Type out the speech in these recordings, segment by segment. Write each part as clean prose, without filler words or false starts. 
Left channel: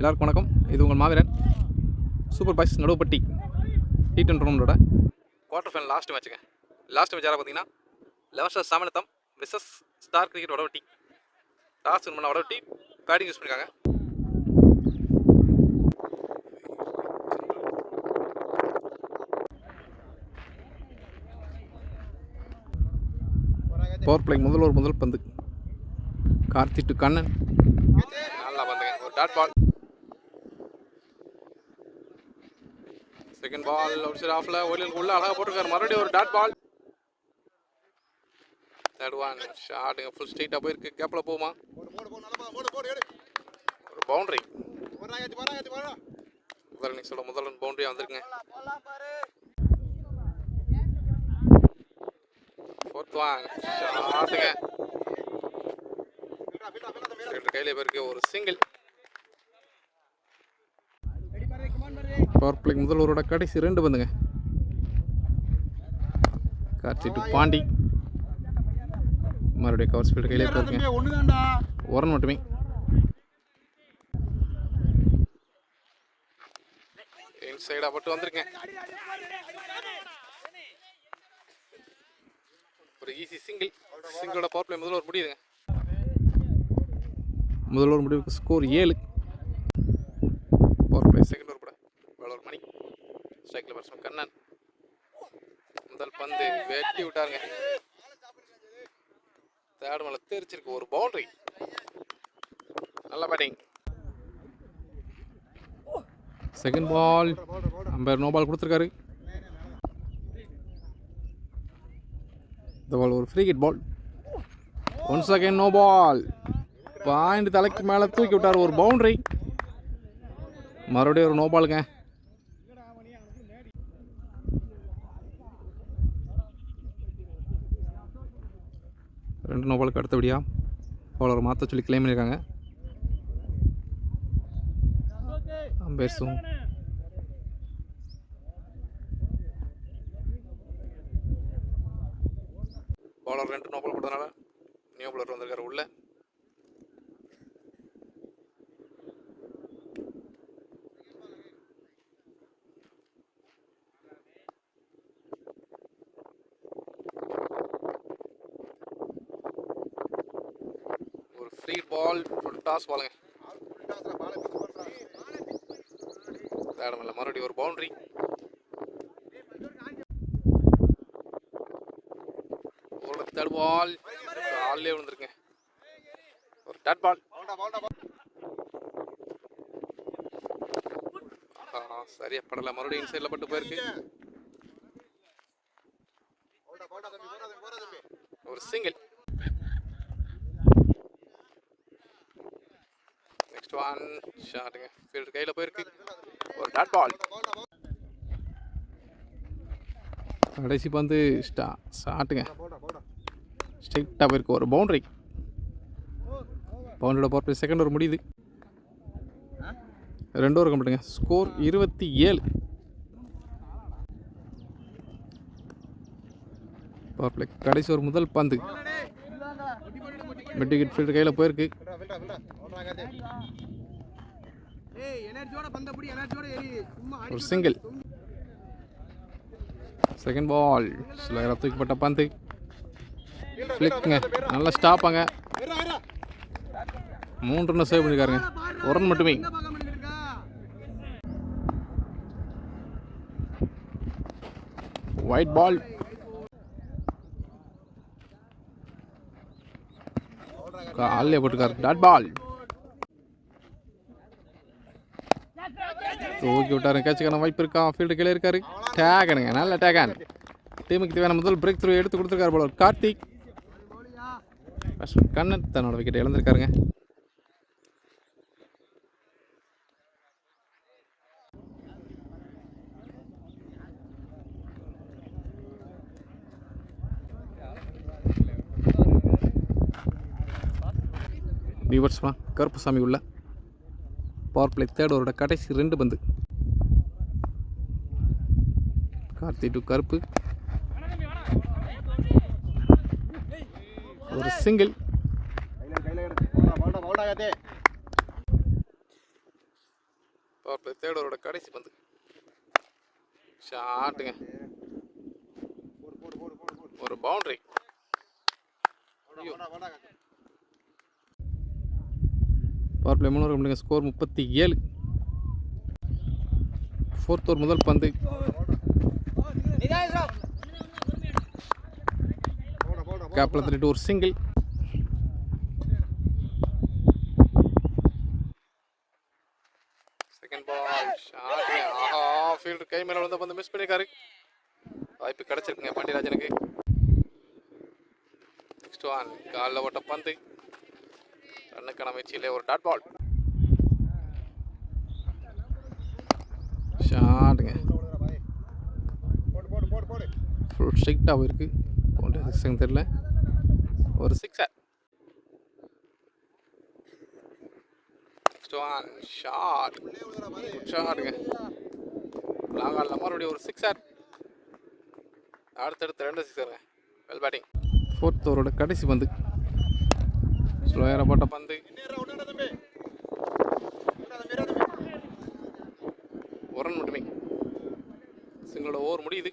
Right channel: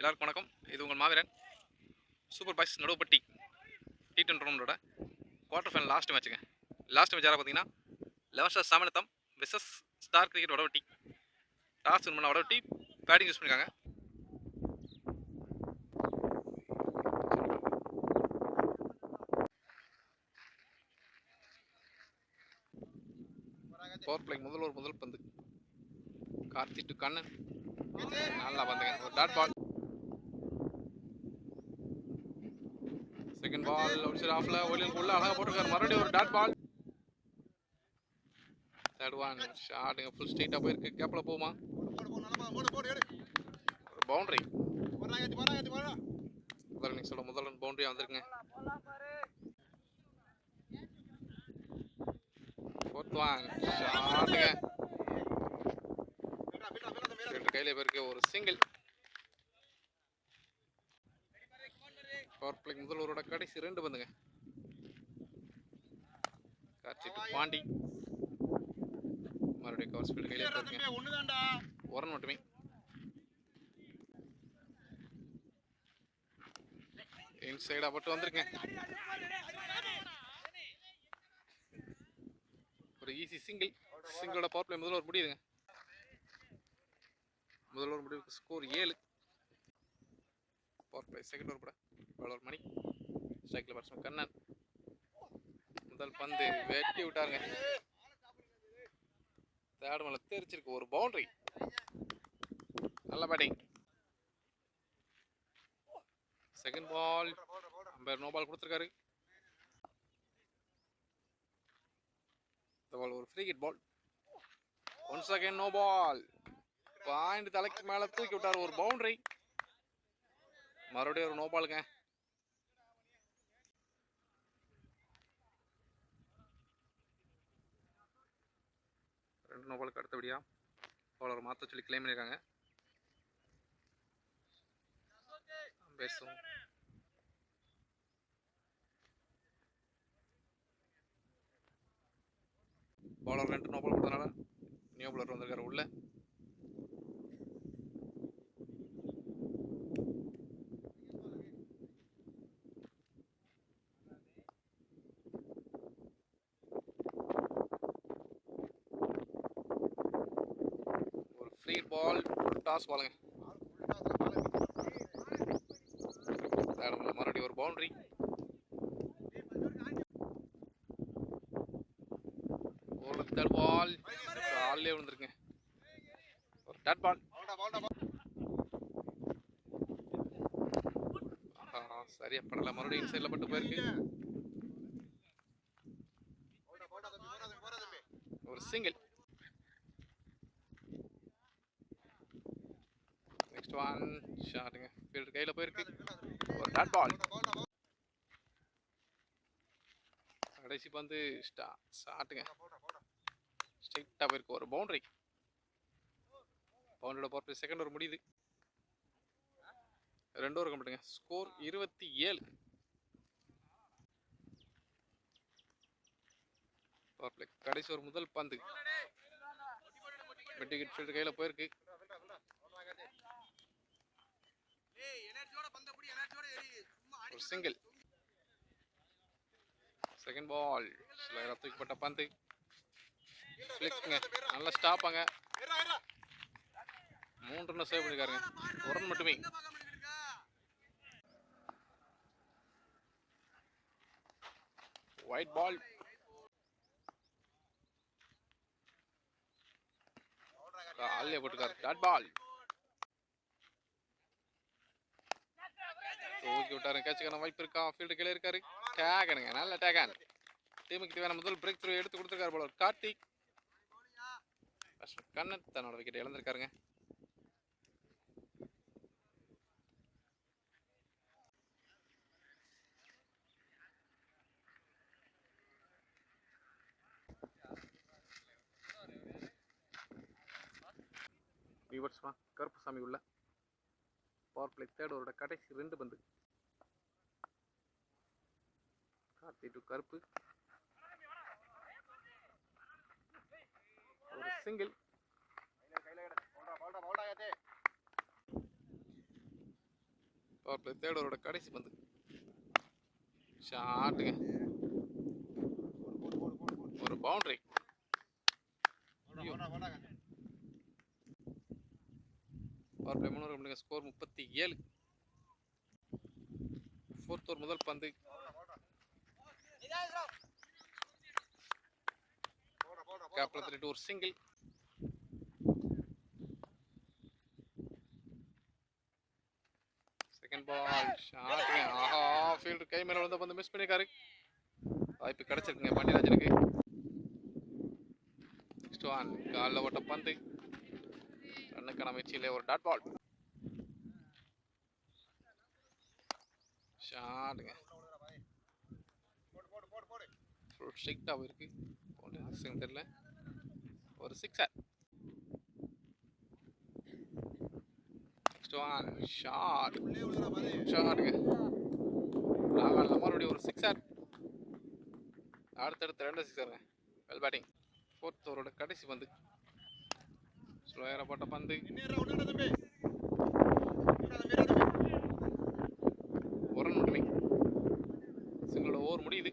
எல்லாருக்கும் வணக்கம். இது உங்கள் Maaveeran super boys Naduvuppatti T20 டூர்னமெண்ட்டோட குவார்டர் ஃபைனல் லாஸ்ட் மேட்சுங்க. லாஸ்ட் மேட்ச் யாராக பார்த்தீங்கன்னா 11 star Samanatham versus star cricket Vadavatti. Toss win பண்ண வடவட்டி பேட்டிங் யூஸ் பண்ணியிருக்காங்க. பவர் பிளே முதல் பந்து கார்த்தி டு கண்ணன். நல்லா பந்துங்க, ஒரு dot ball. Second ball outside ஆஃப்ல ஓலியலுக்கு உள்ள அழகாக போட்டிருக்காரு. மறுபடியும் ஒரு டாட் பால். தேர்ட் ஒன் ஷாட்டுங்க, ஃபுல் ஸ்ட்ரைட்டாக போயிருக்கு. கேப்பில் போகுமா? ஒரு பவுண்டரி. முதல் இன்னிங்ஸோட முதல் ரன் பவுண்டரியாக வந்திருக்குங்க. ஃபோர்த் ஒன் ஷாட்டுங்க, கையில போயிருக்கு. ஒரு சிங்கிள். பவர் பிளே முதல் ஓவரோட கடைசி 2 பந்துங்க. கார்த்தி டு பாண்டி. மறுபடியும் கவர் ஸ்பீல்டு கையிலே போயிருங்க. ஒரு ரன் மட்டுமே. இன்சைடாக பட்டு வந்திருக்கேன். ஒரு ஈஸி சிங்கிளோட பவர் பிளே முதல் ஓவர் முடியுதுங்க. முதல் ஓவர் முடிவுக்கு score 7. Power play second over கூட பவுலர் மணி, ஸ்ட்ரைக்கில் பேட்ஸ்மேன் கண்ணன். முதல் பந்து வெட்டி விட்டாருங்க. தேர்ட் மேல தெரிச்சிருக்கு. ஒரு பவுண்டரி. நல்ல batting. Second ball umpire no ball கொடுத்துருக்காரு. இந்த பால் ஒரு free hit ball. Once again no ball. Point தலைக்கு மேலே தூக்கி விட்டார். ஒரு பவுண்டரி. மறுபடியும் ஒரு நோ பாலுங்க. ரெண்டு நோ பாலுக்கு அடுத்தபடியாக பவுலரை மாற்ற சொல்லி கிளைம் பண்ணியிருக்காங்க அம்பேர்ஸும். பவுலர் 2 நோ பால் கொடுத்தனால நியூ பவுலர் வந்திருக்காரு உள்ள. ஃப்ரீ பால், ஃபுல் டாஸ் பாலுங்க. தேடமில்ல, மறுபடியும் ஒரு பவுண்டரி. ஒரு தேர்ட் பால் காலிலே விழுந்துருங்க. ஒரு டாட் பால். சரியா படல. மறுபடியும் இன்சைடில் பட்டு போயிருக்கு. ஒரு சிங்கிள். நெக்ஸ்ட் ஒன் ஷாட்டுங்க, ஃபீல்டர் கையில் போயிருக்கு. ஒரு டாட் பால். கடைசி பந்து ஷாட்டுங்க, ஸ்ட்ரைட்டாக போயிருக்கு. ஒரு பவுண்டரி. பவுண்டரியோட பவர் பிளே செகண்ட் ஓவர் முடியுது. 2 ஓவர் கம்ப்ளீட்டுங்க. ஸ்கோர் 27. பவர் பிளே கடைசி ஒரு முதல் பந்து மிட் விக்கெட் ஃபீல்டர் கையில் போயிருக்கு. ஒரு சிங்கிள். செகண்ட் பால் ஸ்லோயராக தூக்கிப்பட்ட பந்து ஃபிளிக்குங்க. நல்லா ஸ்டாப்பாங்க. 3 ரன் சேவ் பண்ணியிருக்காருங்க. 1 ரன் மட்டுமே. Wide ball. காலிலே போட்டுருக்காரு. Dot ball. தூக்கி விட்டாரு. கேட்சுக்கான வாய்ப்பு இருக்கா? ஃபீல்டு கீழே இருக்காரு. டேகனுங்க, நல்ல டேகன். டீமுக்கு தேவையான முதல் பிரேக் த்ரூ எடுத்து கொடுத்துருக்காரு போல கார்த்திக். கண்ணன் தன்னோட விக்கெட் இழந்திருக்காருங்க. வியூவர்ஸ்மா, கருப்புசாமி உள்ள பவர் பிளே தேர்ட் ஓவரோட கடைசி 2 பந்து. கார்த்தி டு கருப்பு. ஒரு சிங்கிள். பவர் பிளே தேர்ட் ஓவரோட கடைசி பந்து. ஷாட்டுங்க, ஒரு பவுண்டரி. பவர் பிளே 3 ஓவர் முடிங்க. ஸ்கோர் 37. ஃபோர்த் ஓவர் முதல் பந்து. கேப்ல தள்ளிட்டு ஒரு சிங்கிள். செகண்ட் பால் ஷாட்டுங்க. ஆஹா, ஃபீல்டர் கை மேலே வந்து பந்து மிஸ் பண்ணியிருக்காரு. வாய்ப்பு கிடச்சிருக்குங்க பாண்டியராஜனுக்கு. நெக்ஸ்ட் ஒன், காலில் ஓட்ட பந்து. ரன்னுக்கான முயற்சியிலே ஒரு டாட் பால். ஷாட்டுங்க, ஃபுல் ஸ்ட்ரிக்டாக இருக்கு. சிக்ஸுங்க தெரியல, ஒரு சிக்ஸர். Next one shot. ஷாட்டுங்க, லாங்கானில் மறுபடியும் ஒரு சிக்ஸர். அடுத்தடுத்து 2 சிக்ஸருங்க. Well batting. ஃபோர்த் ஓவரோட கடைசி பந்து. ஸ்லோயராக போட்ட பந்து. ஒரு ரன் மட்டுமே. சிங்களோட ஓவர் முடியுது.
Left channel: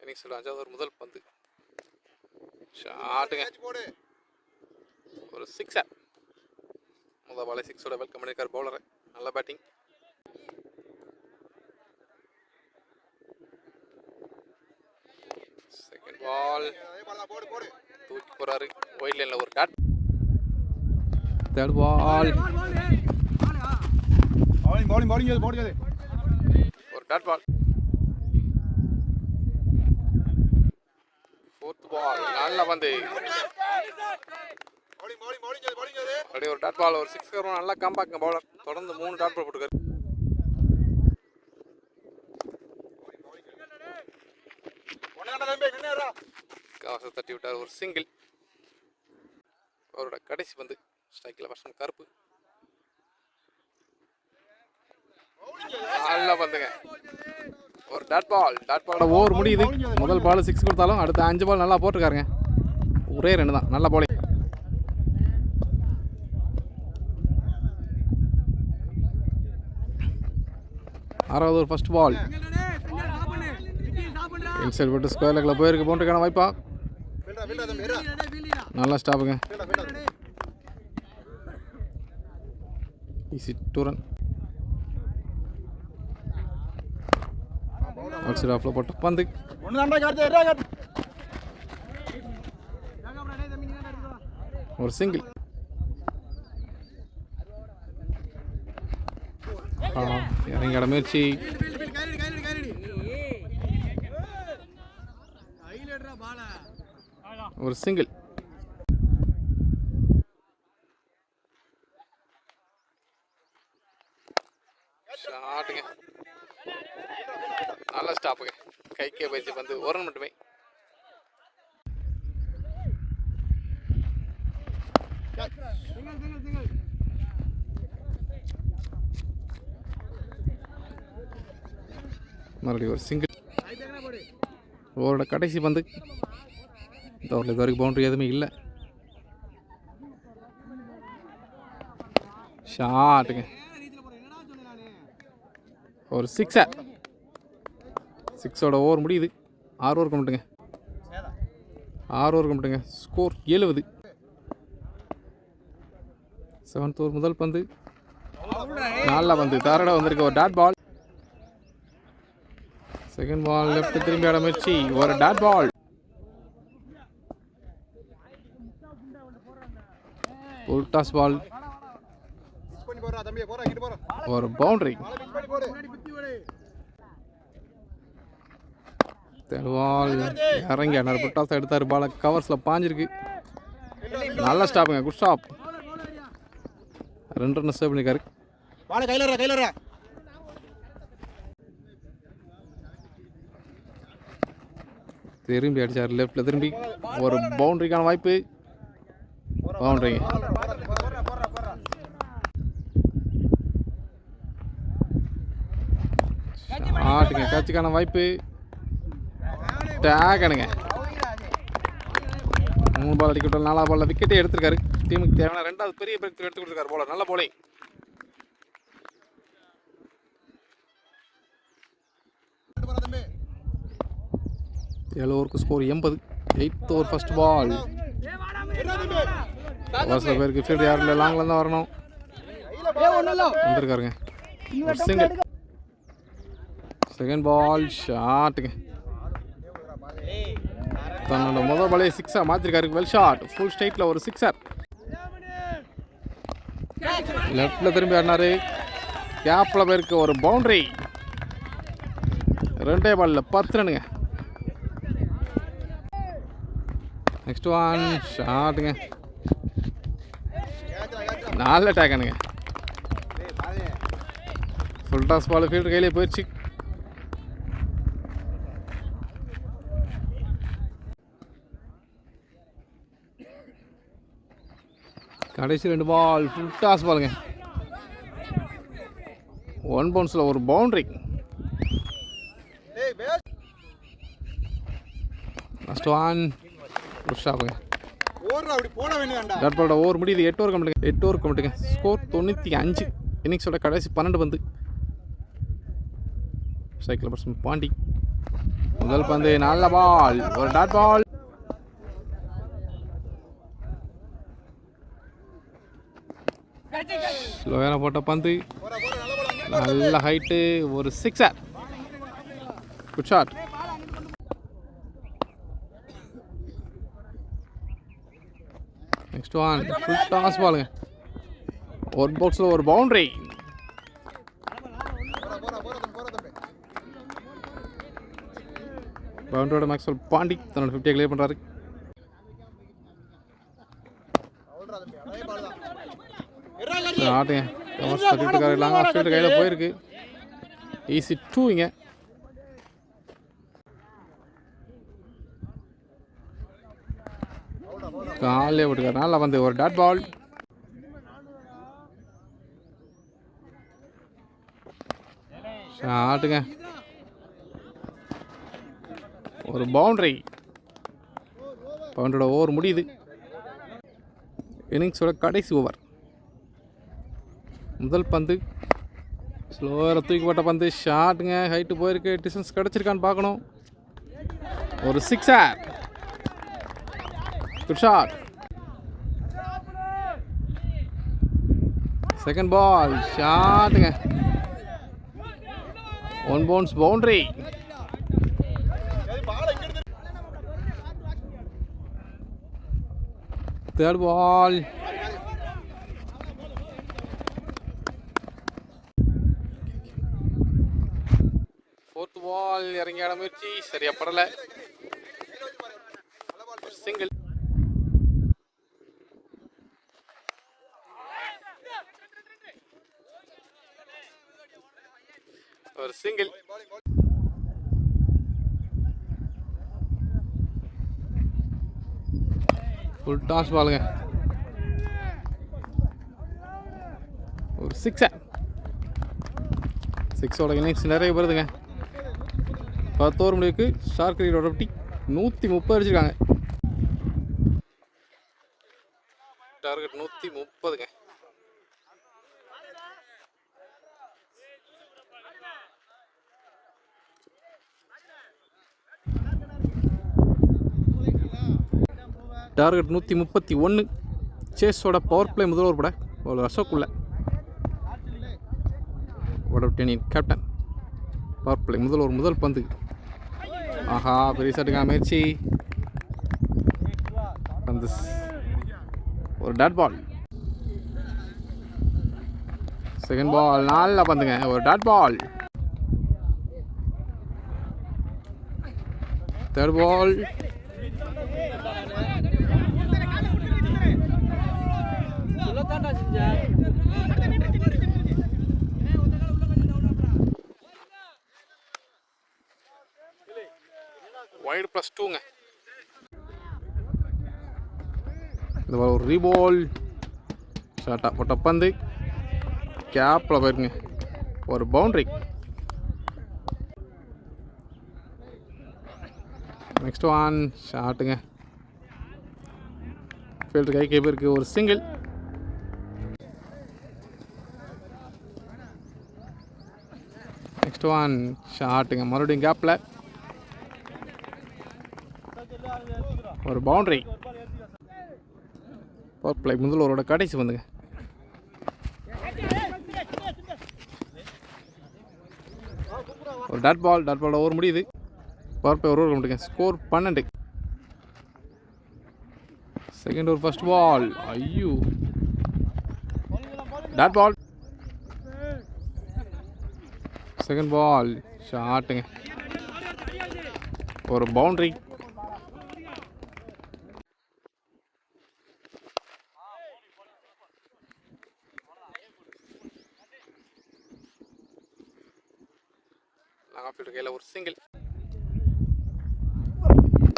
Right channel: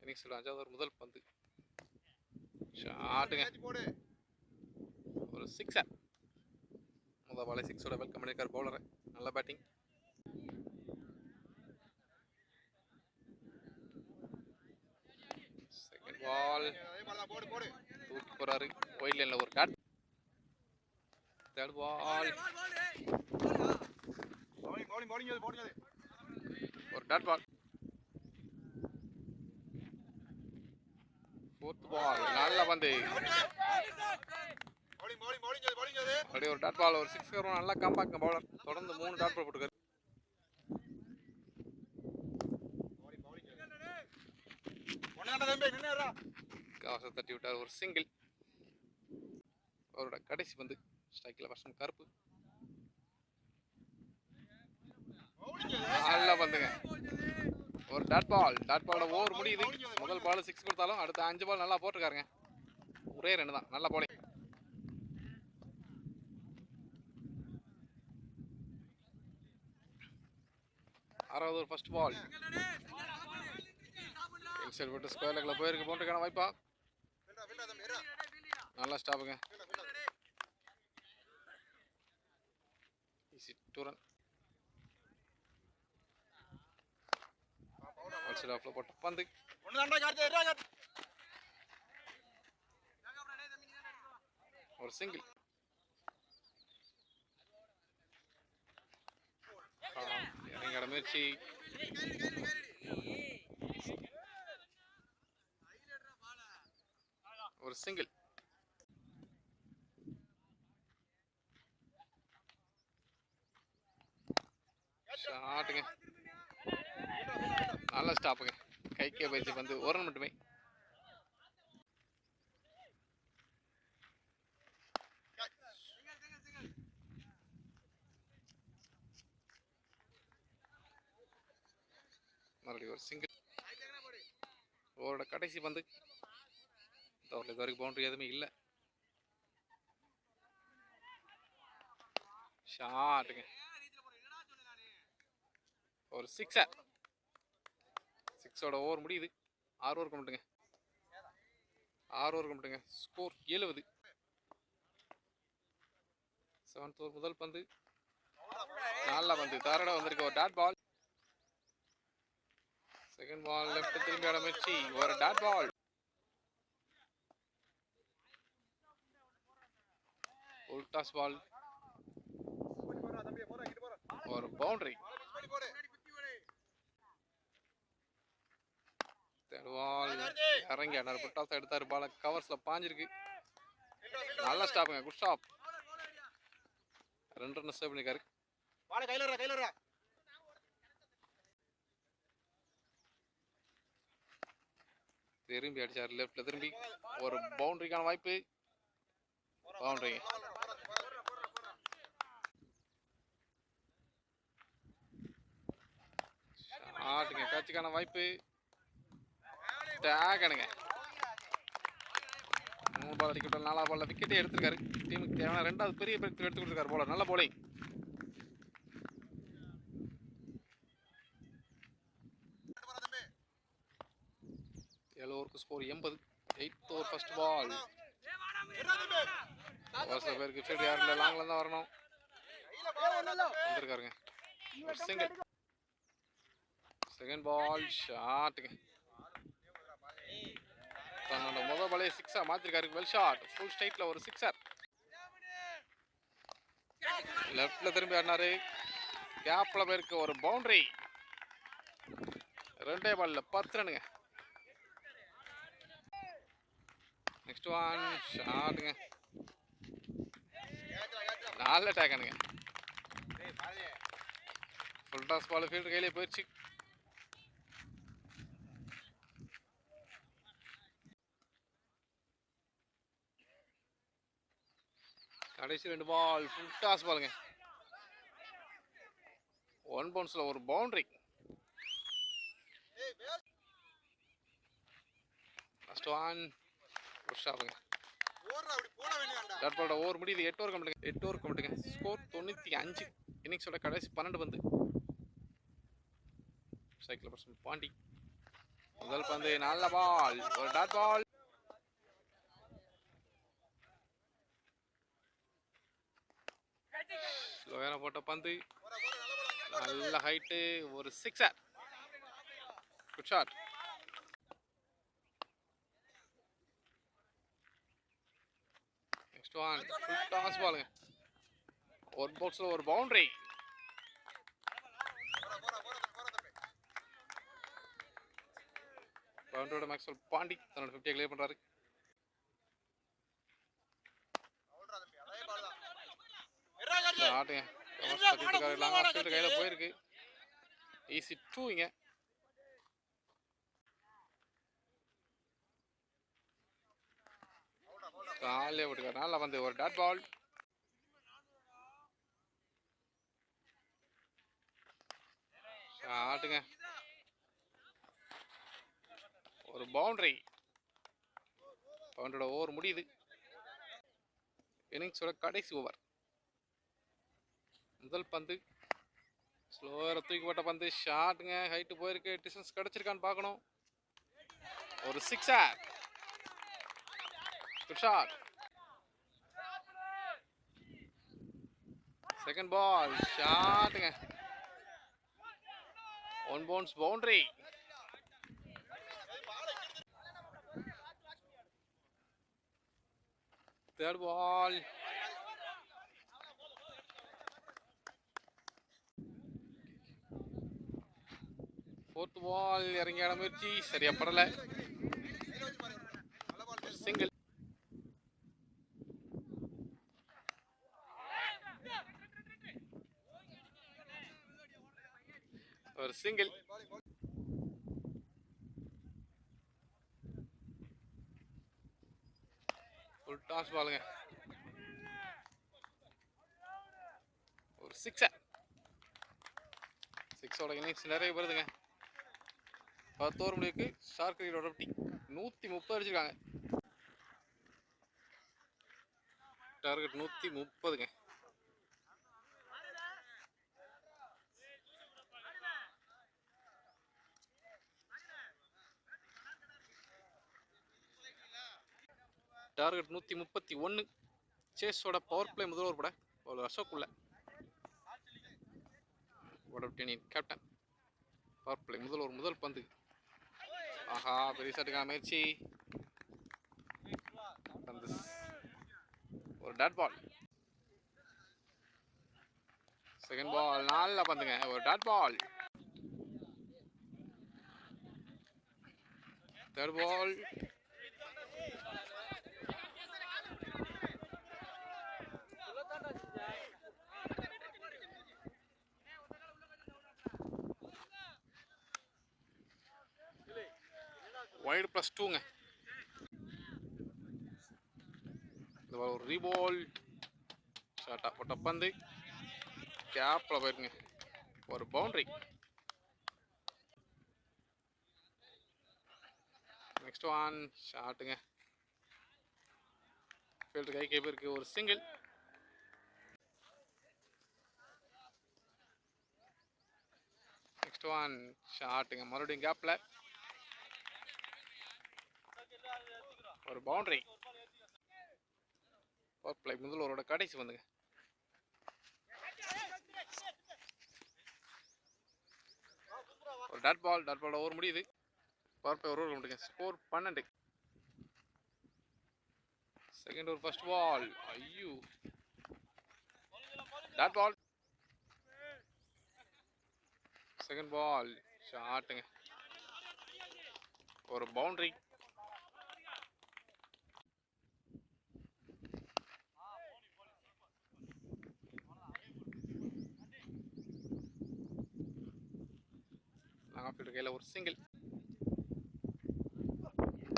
இன்னிங்ஸோட 5வது ஓவர் முதல் பந்து. ஷாட்டுங்க, ஒரு சிக்ஸர். முதல் பாலை சிக்ஸோட வெல்கம் பண்ணியிருக்கார் பவுலரை. நல்ல பேட்டிங். செகண்ட் பால் தூக்கி போறாரு. ஒயிட் லைன்ல ஒரு டாட். தேர்ட் பால் ஒரு டாட் பால். ஃபோர்த் பால் நல்ல பந்து. அப்படியே ஒரு டாட் பால், ஒரு சிக்ஸர். நல்லா காம்பாக்ங்க பவுலர். தொடர்ந்து 3 டாட் பால் போட்டுருக்காரு. காசை தட்டி விட்டார், ஒரு சிங்கிள். அவரோட கடைசி பந்து. ஸ்ட்ரைக்கில் பர்சன் கருப்பு. நல்ல பந்துங்க, ஒரு டாட் பால். டாட் பாலோட ஓவர் முடியுது. முதல் பால் 6 கொடுத்தாலும் அடுத்த 5 பால் நல்லா போட்டிருக்காருங்க. ஒரே 2 தான். நல்ல பாலிங். ஆறாவது ஒரு ஃபர்ஸ்ட் பால். இன்சைட் போட்டு ஸ்கொயர் லெக்கில் போயிருக்கு. பவுண்டரிக்கான வாய்ப்பா. நல்லா ஸ்டாப்புங்க. Easy 2 run. அவுட் சைட் ஆஃப்ல போட்ட பந்து. ஒரு சிங்கிள். இறங்கிட முயற்சி. ஒரு சிங்கிள். ஷாட்டுங்க, நல்ல ஸ்டாப்புங்க. கைக்கே பயிற்சி வந்து 1 ரன் மட்டுமே. மறுபடியும் ஒரு சிங்கிள். ஓவரோட கடைசி பந்து. இந்த ஓவரில் இது வரைக்கும் பவுண்டரி எதுவுமே இல்லை. ஷாட்டுங்க, ஒரு சிக்ஸர். 6ஓட ஓவர் முடியுது. 6 ஓவர் கம்பிட்டுங்க. 6 ஓவர் கம்பிட்டுங்க. ஸ்கோர் 70. 7th ஓவர் முதல் பந்து. நல்ல பந்து. தாரடா வந்திருக்கு, ஒரு dot ball. Second ball left திரும்பி ஆட முயற்சி, ஒரு டாட் பால். ஃபுல் டாஸ் பால், ஒரு பவுண்டரி. தேர்ட் பால் இறங்கி ஆனார். ஃபுல் டாஸ் எடுத்தார். பால் கவர்ஸில் பாஞ்சிருக்கு. நல்ல ஸ்டாப்புங்க, குட் ஸ்டாப். 2 ரன் சேவ் பண்ணியிருக்காரு. திரும்பி அடிச்சார் லெஃப்ட்ல. திரும்பி ஒரு பவுண்டரிக்கான வாய்ப்பு. பவுண்டரிங்க. ஆட்டுங்க, கேட்சுக்கான வாய்ப்பு. டேக் அணுங்க. 3 பால் அடிக்க விட்டால் 4ஆவது பால்ல விக்கெட்டே எடுத்திருக்காரு. டீமுக்கு தேவையான 2வது பெரிய பிரேக் எடுத்து கொடுத்துருக்காரு போல. நல்ல போலிங். ஏழு ஓவருக்கு ஸ்கோர் 80. 8th ஓவர் ஃபர்ஸ்ட் பால். சில பேருக்கு ஃபீல்டு யாரும் இல்லை, லாங்கில் தான் வரணும். வந்துருக்காருங்க. ஒரு சிங்கிள். செகண்ட் பால் ஷாட்டுங்க. தன்னோட முதல் பாலே சிக்ஸாக மாற்றிருக்காரு. Well shot. ஃபுல் ஸ்ட்ரைட்டில் ஒரு சிக்ஸர். லெஃப்டில் திரும்பி ஆடினாரு. கேப்பில் பேருக்கு ஒரு பவுண்டரி. 2 பாலில் 10 ரன்னுங்க. நெக்ஸ்ட் ஒன் ஷாட்டுங்க. 4 டேக்கனுங்க. ஃபுல் டாஸ் பால் ஃபீல்டு கையிலே போயிடுச்சு. கடைசி 2 பால் ஃபுல் டாஸ் பாலுங்க. 1 பவுன்ஸில் ஒரு பவுண்டரி. லாஸ்ட் ஒன் புஷ்ஷாப்புங்க. டாட் பாலோட ஓவர் முடியுது. 8 ஓவர் கம்மிட்டுங்க. 8 ஓவர் கம்மிட்டுங்க. ஸ்கோர் 95. இன்னிங்ஸோட கடைசி 12 பந்து. Cycle person Pandi. முதல் பந்து நல்ல பால். ஒரு டாட் பால். ஸ்லோவான போட்ட பந்து. நல்ல ஹைட்டு. ஒரு sixer. Good shot. Next one full toss பாலுங்க. ஒரு பாக்ஸில் ஒரு பவுண்டரி. பவுண்டரியோட மேக்ஸ்வெல் பாண்டி தன்னோட 50 கிளியர் பண்ணுறாரு. ஆட்டுங்க. கவர்ஸ் தட்டிட்டுக்காரு. லாங் ஆஃப் ஸ்ட்ரைட் கையில் போயிருக்கு. ஈஸி 2 இங்கே. காலே விட்டுக்காரு. நல்லா வந்து ஒரு டாட் பால். ஷாட்டுங்க. ஒரு பவுண்டரி. பவுண்டரோட ஓவர் முடியுது. இன்னிங்ஸோட கடைசி ஓவர். முதல் பந்து ஸ்லோவராக தூக்கி போட்ட பந்து. ஷாட்டுங்க. ஹைட்டு போயிருக்கு. டிஸ்டன்ஸ் கிடச்சிருக்கான்னு பார்க்கணும். ஒரு sixer. Good shot. Second ball ஷாட்டுங்க. 1 bounce boundary. Third ball. Fourth ball இறங்கி ஆட முயற்சி சரியா படல. சிங்கிள். ஒரு சிங்கிள். ஃபுல் டாஸ் பாலுங்க. ஒரு சிக்ஸர். சிக்ஸோட இன்னிங்ஸ் நிறைய வருதுங்க. 10 ஓவர் முடிவுக்கு ஸ்டார் கிரிக்கெட்டோட டீம் 130 அடிச்சிருக்காங்க. டார்கெட் 130ங்க. டார்கெட் 131. சேஸோட பவர் பிளே முதல் ஓவர் பட ஒரு அசோக்குள்ள வடபட்டியனின் கேப்டன். பவர் பிளே முதல் ஓவர் முதல் பந்து. ஆஹா பெரிய ஷாட்டுக்கான முயற்சி. பந்து ஒரு டாட் பால். செகண்ட் பால் நல்லா பந்துங்க. ஒரு dot ball. Third ball. Wide +2ங்க. இந்த ஒரு ரீபால். ஷார்ட்டாக போட்ட பந்து கேப்பில் போயிருங்க. ஒரு பவுண்டரி. நெக்ஸ்ட் ஒன் ஷாட்டுங்க. ஃபீல்டர் கை கேப்பருக்கு ஒரு சிங்கிள். நெக்ஸ்ட் ஒன் ஷாட்டுங்க, மறுபடியும் கேப்பில் ஒரு பவுண்டரி. பவர் பிளே முதல் ஓவரோட கடைசி வந்துங்க. ஒரு டாட் பாலோட ஓவர் முடியுது. பவர் பிளே ஒரு ஓவர் முடியுங்க. Score 12. Second over first ball. ஐயோ, டாட் பால். செகண்ட் பால் ஷாட்டுங்க, ஒரு பவுண்டரி. லாங் ஆஃப் ஃபீல்டர் கையில் ஒரு சிங்கிள்.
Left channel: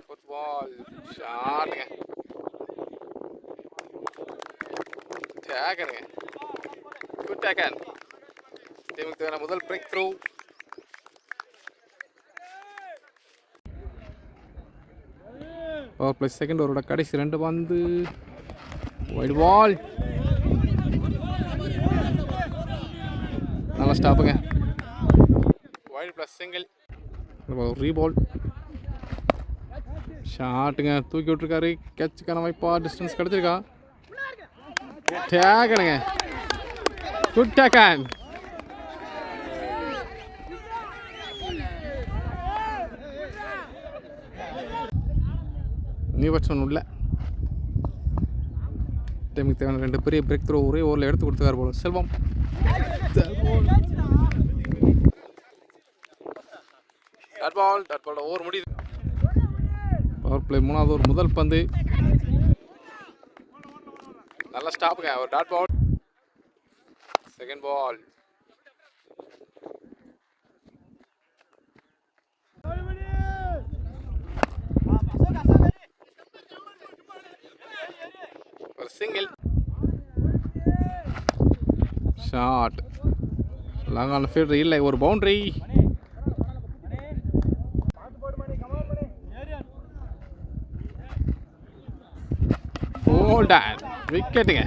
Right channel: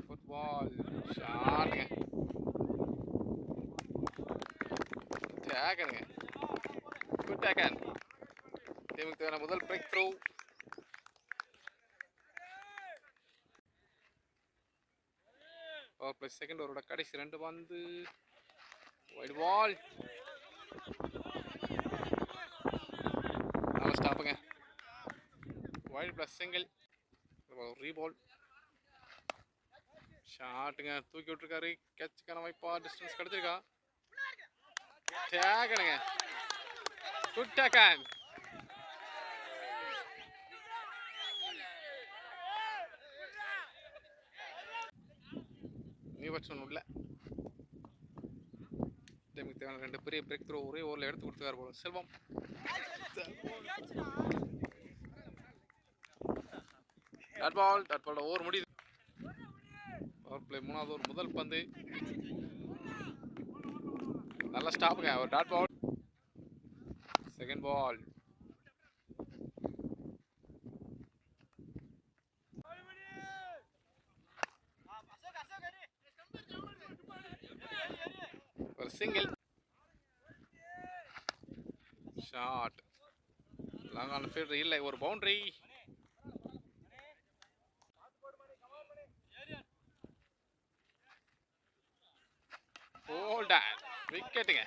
ஃபோர்த் பால் ஷாட்டுங்க, டேக்கருங்க, குட் டேக்கர். டீமுக்கு தேவையான முதல் breakthrough. Power play second ஓவரோட கடைசி 2 பந்து. வைட் பால், நல்லா ஸ்டாப்புங்க. வைட் ப்ளஸ் சிங்கிள், ரீபால் ஷாட்டுங்க, தூக்கி விட்டுருக்காரு. கேட்சுக்கான வாய்ப்பா, டிஸ்டன்ஸ் கிடச்சிருக்கா. டேக்கனுங்க, குட் டேக்கன். நியூ பேட்ஸ்மேன் உள்ள. டைமுக்கு தேவையான 2 பெரிய பிரேக் த்ரோ ஒரே ஓவரில் எடுத்து கொடுத்துருக்காரு போல செல்வம். டாட் பால் ஓவர் முடியுது. பவர் பிளே 3வது ஓவர் முதல் பந்து. நல்லா ஸ்டாப்புங்க, ஒரு டாட் பால். செகண்ட் பால் ஒரு single. Shot, long on fielder இல்லை, ஒரு பவுண்டரி. ஹோல்டன், விக்கெட்டுங்க.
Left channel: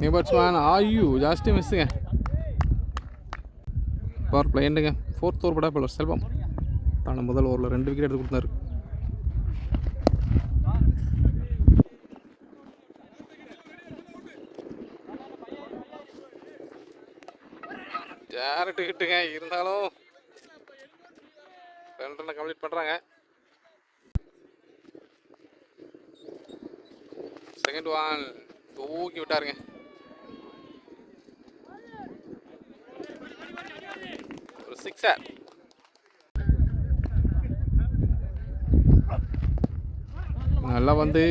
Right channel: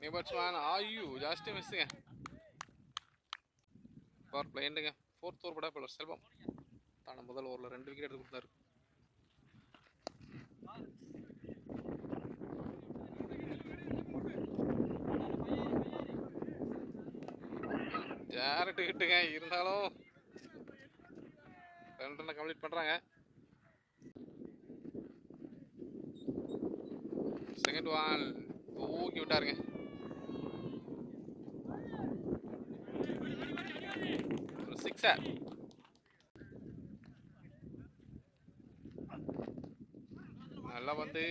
நியூ பேட்ஸ்மேன் ஆயு ஜாஸ்தி மிஸ்ஸுங்க. பவர் பிளே எண்டுங்க. ஃபோர்த் ஓவர் பட பலர் செல்வம் தான முதல் ஓவரில் 2 விக்கெட் எடுத்து கொடுத்தாரு. டேரக்ட் ஹிட்டுங்க, இருந்தாலும் 2 ரன்னை கம்ப்ளீட் பண்ணுறாங்க. செகண்ட் ஒன் தூக்கி விட்டாருங்க. ஒரு சிக்ஸர். நல்லா வந்து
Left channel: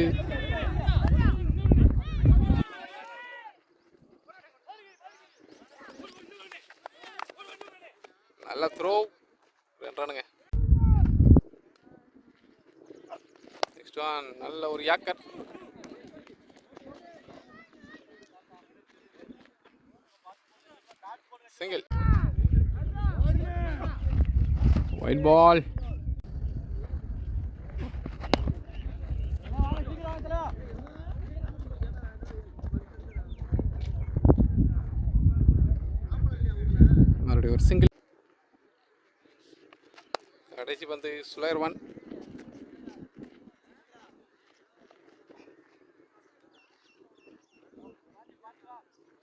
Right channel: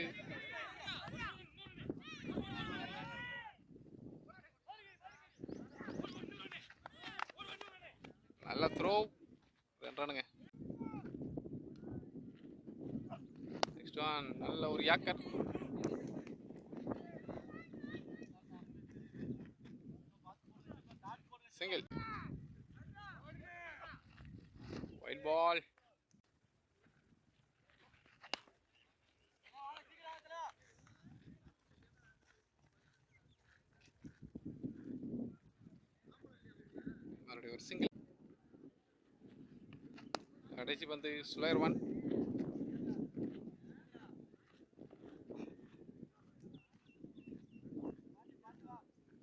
நல்ல த்ரோ, 2 ரன்னுங்க. நெக்ஸ்ட் ஒன் நல்ல ஒரு யாக்கர். சிங்கிள், வைட் பால். மறுபடியும் ஒரு சிங்கிள். கடைசி பந்து ஸ்லோயர் ஒன்.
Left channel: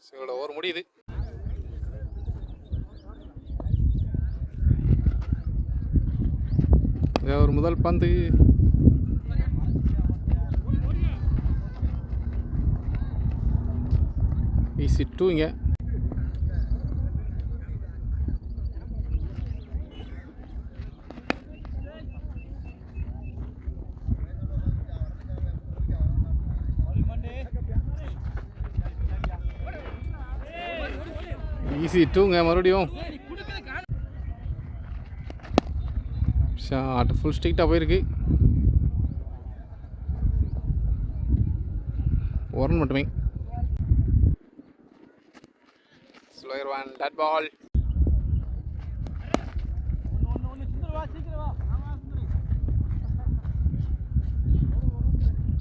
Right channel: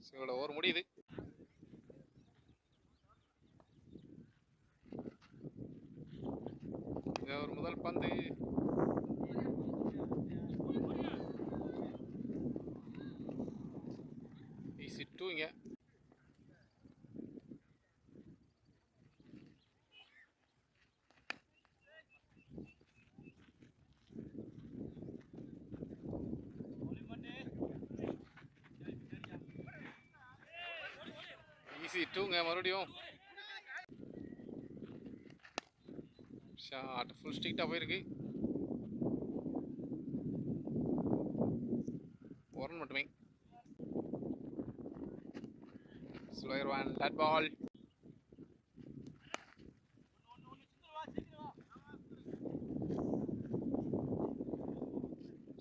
சிங்களோட ஓவர் முடியுது. ஒரு முதல் பந்து ஈஸி டூங்க. ஈஸி டூங்க. மறுபடியும் ஷாட் ஃபுல் ஸ்ட்ரிக்டாக போயிருக்கு. 1 ரன் மட்டுமே. Slower one dot ball.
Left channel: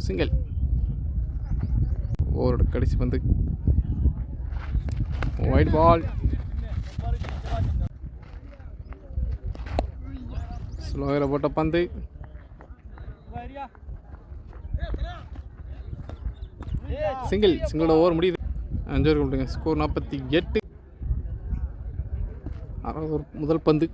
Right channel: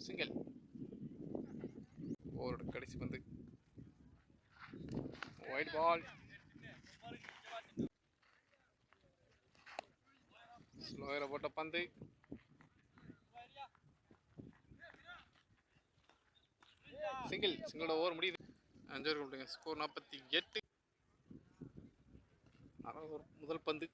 Single. ஓவரோட கடைசி பந்து ஒயிட் பால். ஸ்லோயரை போட்ட பந்து சிங்கிள். சிங்கிளோட ஓவர் முடியுது. 5 ஓவர் கொடுங்க. ஸ்கோர் 48. 6வது ஓவர் முதல் பந்து.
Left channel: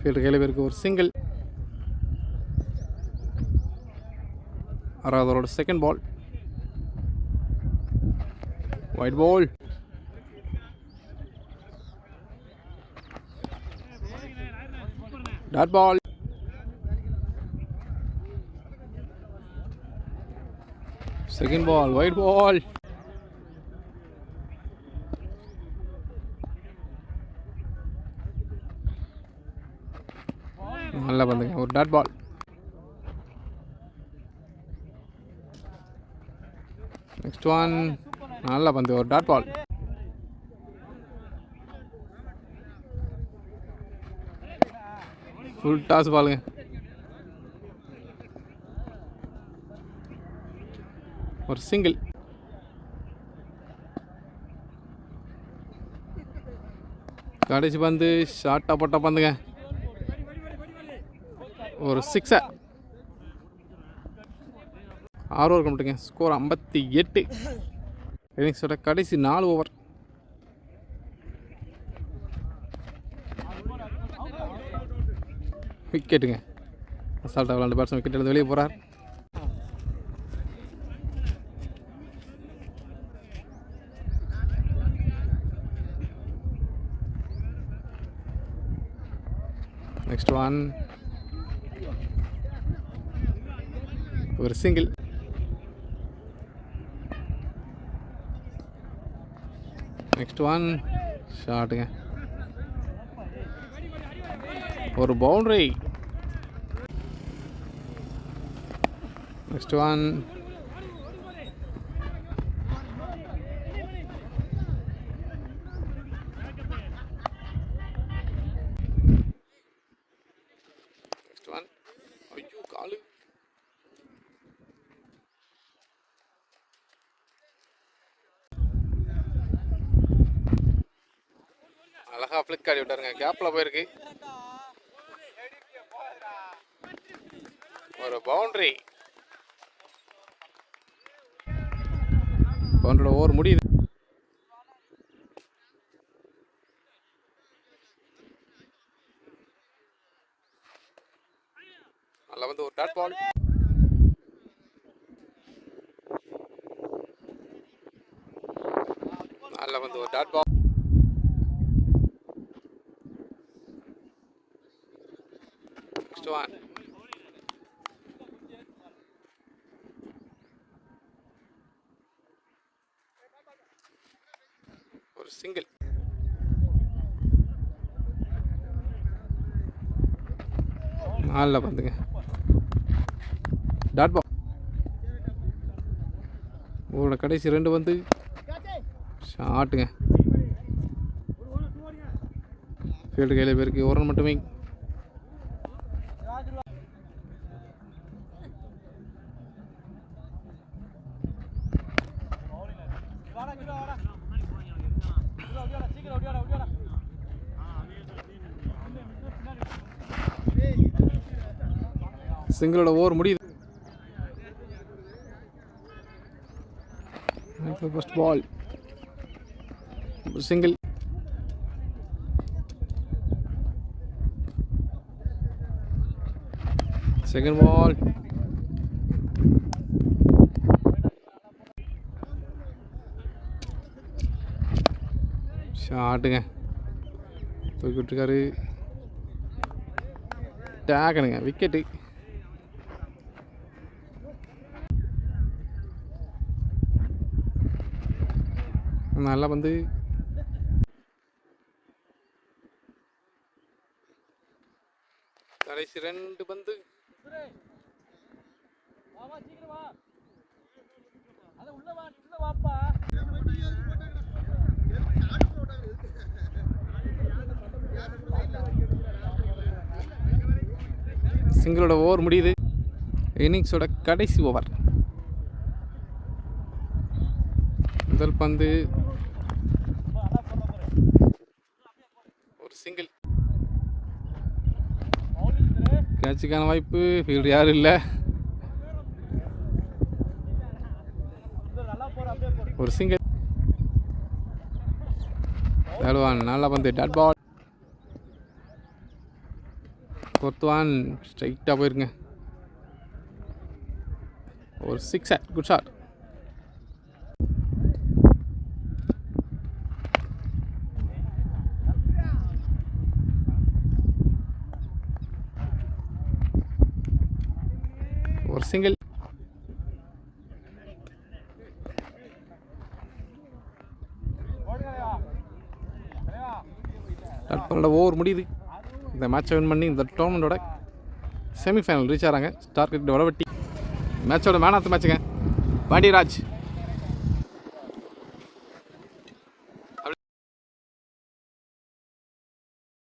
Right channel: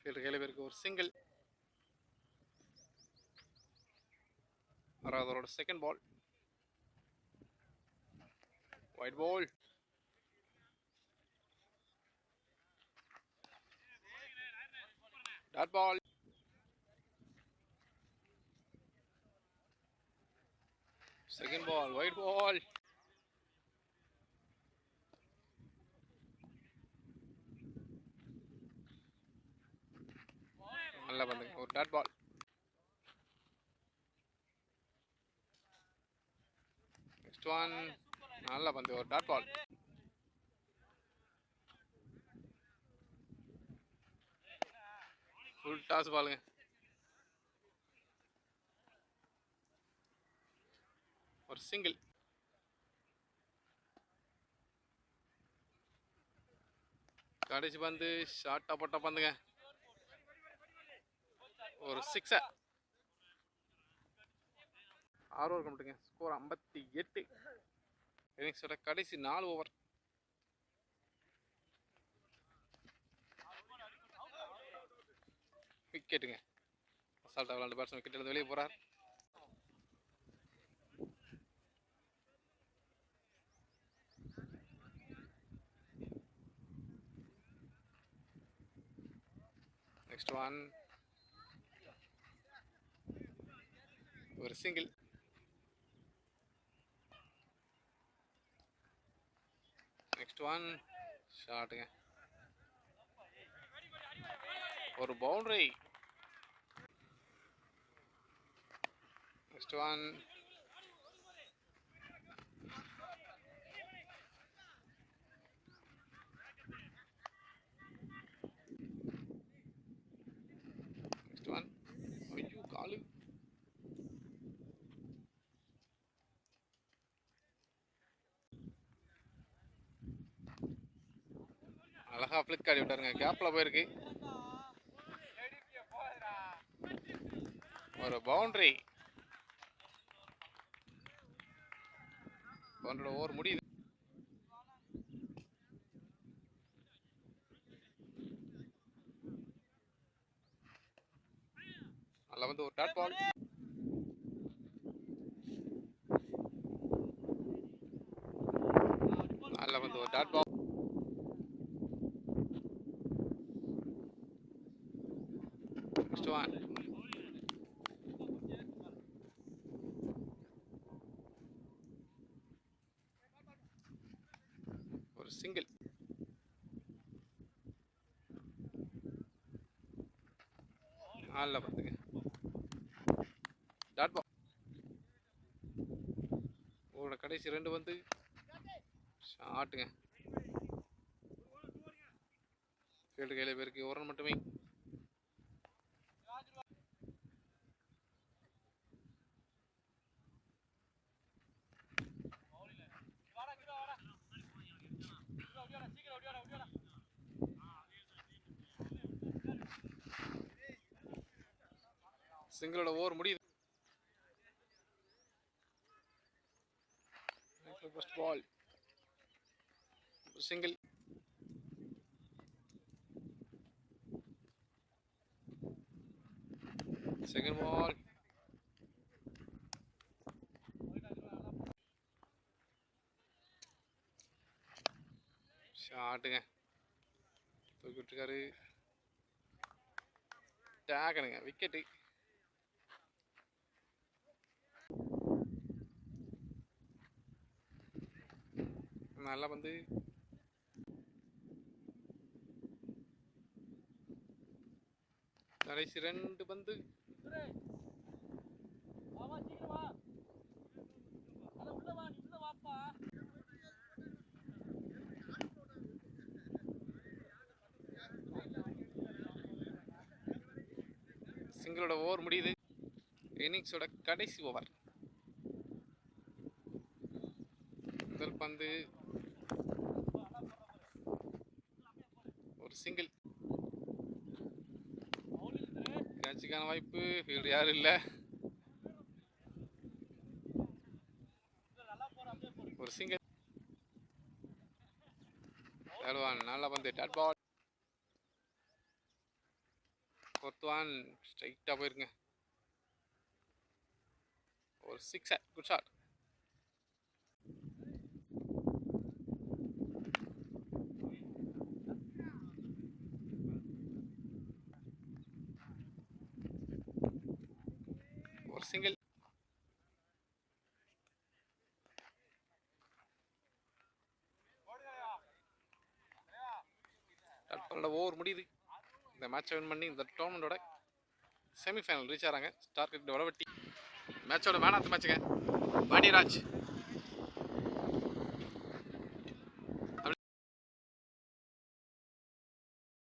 ஃபீல்டர் கையில் பேருக்கு ஒரு சிங்கிள். 6வது ஓவரோட second ball wide ball. Dot ball. Second ball wide ball. நல்லா பந்துங்க. ஒரு டாட் பால். Next one. நல்லா பந்து. ஒரு டாட் பால். ஃபுல் டாஸ் பாலுங்க. ஒரு சிங்கிள். கடைசி பந்து ஷார்ட்டாக போட்ட பந்துங்க. ஒரு 6. 6 ஓவர் கம்ப்ளீட்டுங்க. ஸ்கோர் 58. இன்னிங்ஸோட கடைசி 4 ஓவர். விக்கெட்டுங்க. அசால்ட்டாக விளாண்டு பேட்ஸ்மேன் விக்கெட் எடுத்து வெளியே போகிறார். Next one. ஒரு சிங்கிள். Next one. ஷாட்டுங்க. ஒரு boundary. Next one. Next one. ஐயோ காலு. அழகா ஃபிளிக் ஆடி விட்டாருங்க. கேப்பில் போயிருக்கு. ஒரு பவுண்டரி. பவுண்டரியோட ஓவர் முடியுது. நல்லா வந்து ஒரு டாட் பால். நல்லா வந்து ஒரு டாட் பால். Next one. ஒரு சிங்கிள். நல்லா பந்துங்க. Dot ball. உங்களோட கடைசி 2 வந்து ஷாட்டுங்க. ஃபீல்டு கையில் பேருக்கு ஒரு ரன் மட்டுமே. சிங்கிளோட ஓவர் முடியுது. First ball single. Second ball. ஷாட்டுங்க. தூக்கி விட்டுருக்காரு. டேக்கனுங்க. விக்கெட்டு. நல்லா வந்து கடைசி 2 பந்து சிங்கிளோட ஓவர் முடியுது. இன்னிங்ஸோட கடைசி ஓவர். முதல் பந்து ஒரு சிங்கிள். கேட்சுக்கான வாய்ப்பு. ஃபீல்டு யாரும் இல்லை. ஒரு சிங்கிள். தேடுவான். நல்ல பந்து. Dot ball. கொத்துவான். ஸ்ட்ரைட்டாக போயிருங்க. ஒரு சிக்ஸர். Good shot. ஒரு சிங்கிள். தற்போட ஓவர் முடியுது. இந்த மேட்சை வின் பண்ணி இந்த டோர்னமெண்ட்டோட செமிஃபைனல் ரீச் ஆகிறாங்க ஸ்டார் கிரிக்கெட் வடவட்டி. மேட்சோட மேன் ஆஃப் தி மேட்சுங்க பாண்டியராஜ்.